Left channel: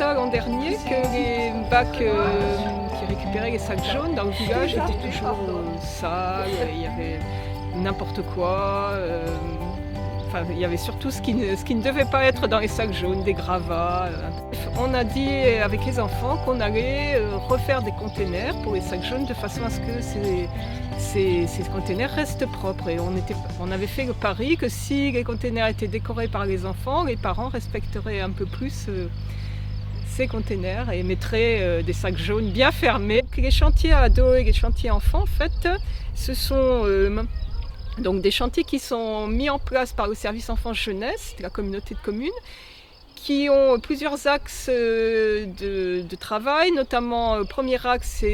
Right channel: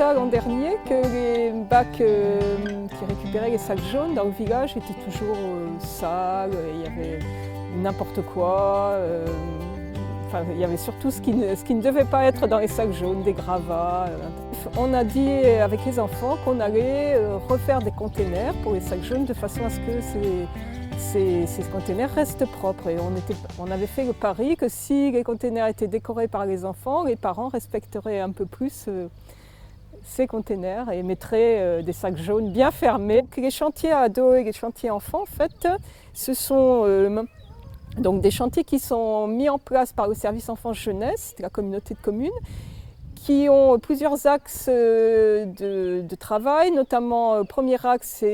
constat l'an dernier que les bacs qui récupéraient les sacs jaunes dans le village étaient toujours sales, il y avait n'importe quoi. Enfin, il y avait surtout ce qui ne devait pas être dans les sacs jaunes, des gravats. On a dit avec les enfants qu'on allait refaire des containers pour les sacs jaunes de façon à ce que ces containers restent propres. Et on avait fait le pari que si les containers étaient décorés par les enfants, les parents respecteraient un peu plus ces containers et mettraient des sacs jaunes bien fermés. Les chantiers ados et les chantiers enfants, en fait, ce sont donc des chantiers qui sont mis en place par le service enfance-jeunesse de la communauté de communes, qui ont plusieurs axes de travail, notamment le premier axe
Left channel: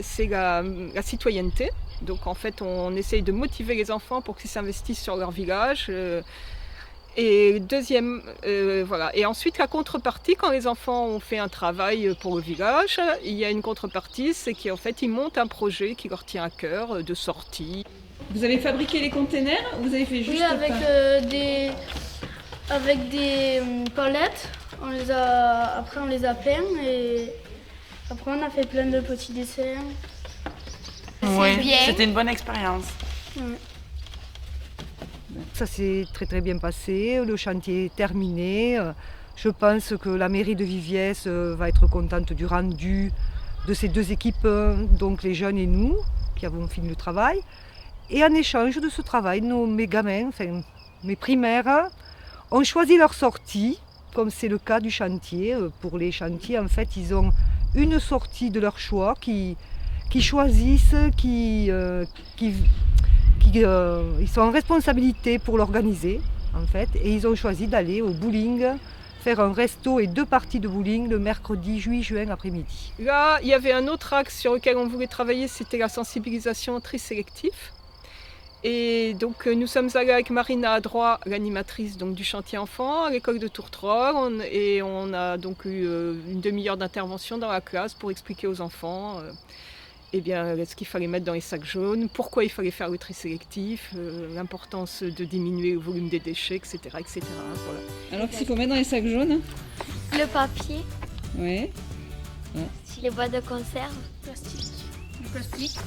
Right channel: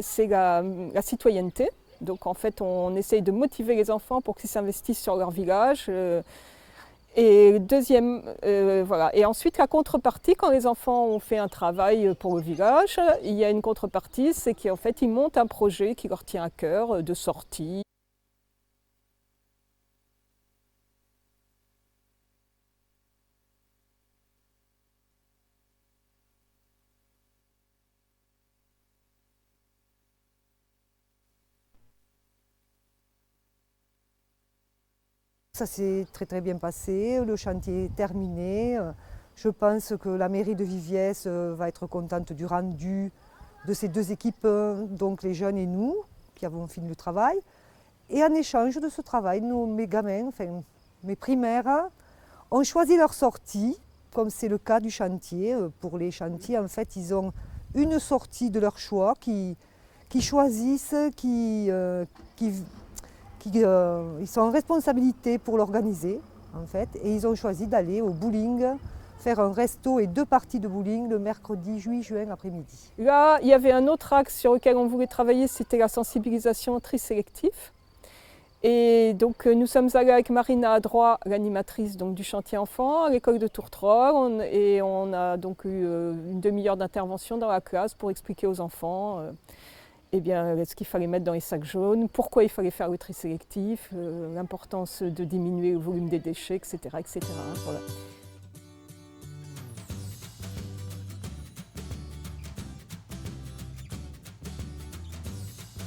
c'est la citoyenneté. Donc en fait on essaye de motiver les enfants pour qu'ils s'investissent sur leur village. Et deuxième, voilà. Et ensuite la contrepartie, quand les enfants ont fait un travail pour le village, il y a une contrepartie, c'est qu'en fait ils montent un projet qui leur tient à cœur de sortie. Vous avez fabriqué les containers ou vous avez fait juste avec des palettes, après on les a peints et après on a fait plein de petits dessins. Oui, c'était une bonne expérience. Ouais. Ça s'est très très bien passé, le chantier est terminé. Je pense que la mairie de Viviès va être contente du rendu de ces deux équipes, donc les jeunes et nous, qui avons fini le travail. Et en échange de ce travail, mes gamins, enfin mes primaires, ont choisi leur sortie, comme c'est le cas du chantier. Pour les chantiers, en fait, ils ont une sortie de leur choix qui choisissent, ils sont en responsabilité pour l'organiser, en fait, et ils ont choisi d'aller au bowling, faire un resto et 2 parties de bowling le mercredi 8 juin après-midi. Là, il y avait un autre axe sur lequel on voulait travailler, c'était la sensibilisation au tri sélectif. Et donc nous sommes allés avec Marina Adroit, l'animatrice du chantier enfant, à l'école de Tourtrol, et on a donc eu une demi-heure d'intervention dans la classe pour expliquer aux enfants ce qu'il fallait mettre dans les sacs jaunes, pourquoi il fallait faire le tri sélectif, l'importance de diminuer le volume des déchets, etc. etc. Voilà. Alors qu'est-ce qu'il faut mettre dans les sacs jaunes? Le papier, Oui. les boîtes de conserve. Le plastique.